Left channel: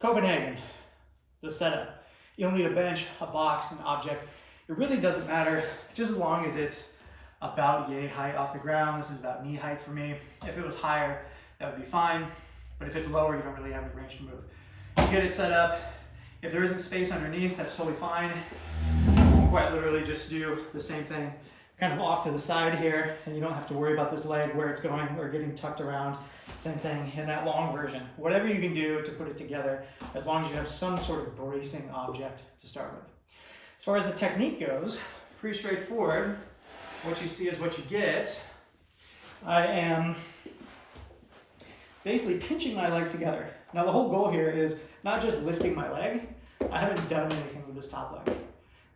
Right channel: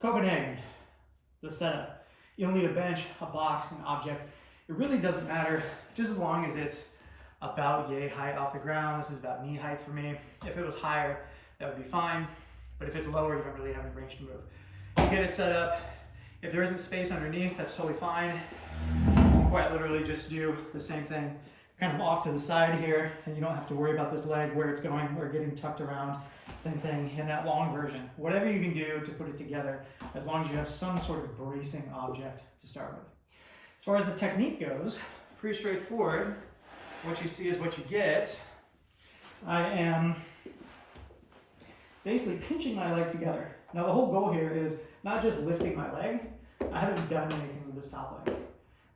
Copenhagen, the setup. You'll need a bench, a box, an object. It really doesn't matter, just as long as it's about yay height off the ground. This is about knee height for me. If it was higher, that would be fine. But if it's lower, you don't really have any range to move. You get it set up. If there isn't space underneath, that's totally fine. You quite literally just do the same thing, kind of off to the side here, and you don't have to worry about this leg, where it's going or getting tucked around. Same thing in that long version. Whatever you can do to put it together, as long as you have some sort of bracing object to start with. As far as the technique goes, pretty straightforward. What you see is what you get. I am basically pinching my legs together. Now the whole goal here is not just lifting my leg. I haven't done anything with this top leg,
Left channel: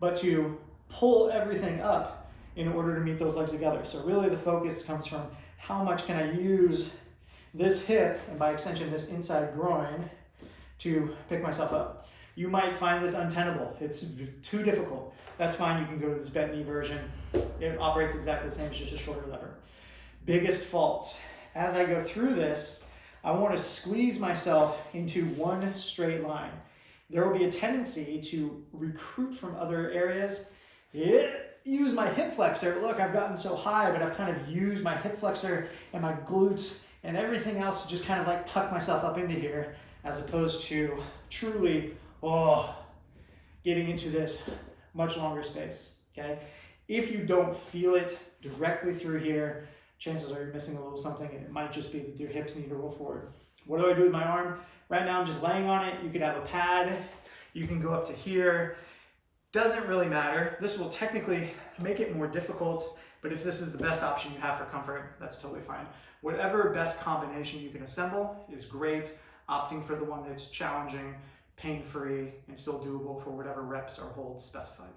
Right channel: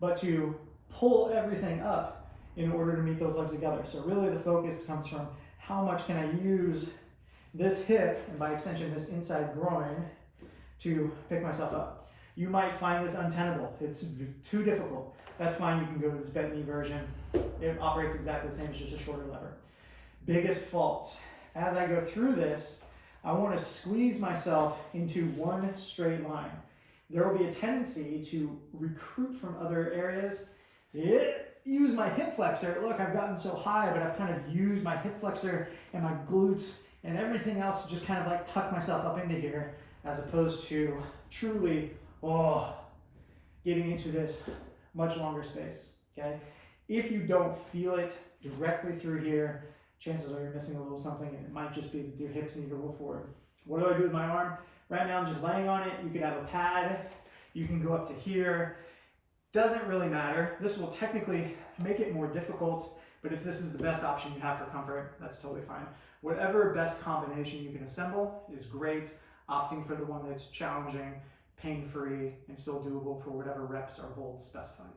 but to pull everything up in order to meet those legs together. So really the focus comes from how much can I use this hip, and by extension this inside groin, to pick myself up. You might find this untenable. It's too difficult. That's fine. You can go to this bent knee version. It operates exactly the same, it's just a shorter lever. Biggest faults. As I go through this, I want to squeeze myself into one straight line. There will be a tendency to recruit from other areas. Use my hip flexor. Look, I've gotten so high, but I've kind of used my hip flexor and my glutes and everything else to just kind of like tuck myself up into here, as opposed to truly, getting into this much longer space, okay? If you don't feel it directly through here, chances are you're missing a little something, and it might just be that your hips need to roll forward. What do I do with my arm? Right now I'm just laying on it. You could have a pad. You can go up to here. Doesn't really matter. This will technically make it more difficult, but if this is the best option you have for comfort, that's totally fine. Whatever best combination you can assemble is great. Opting for the one that's challenging, pain-free, and still doable for whatever reps or holds specified.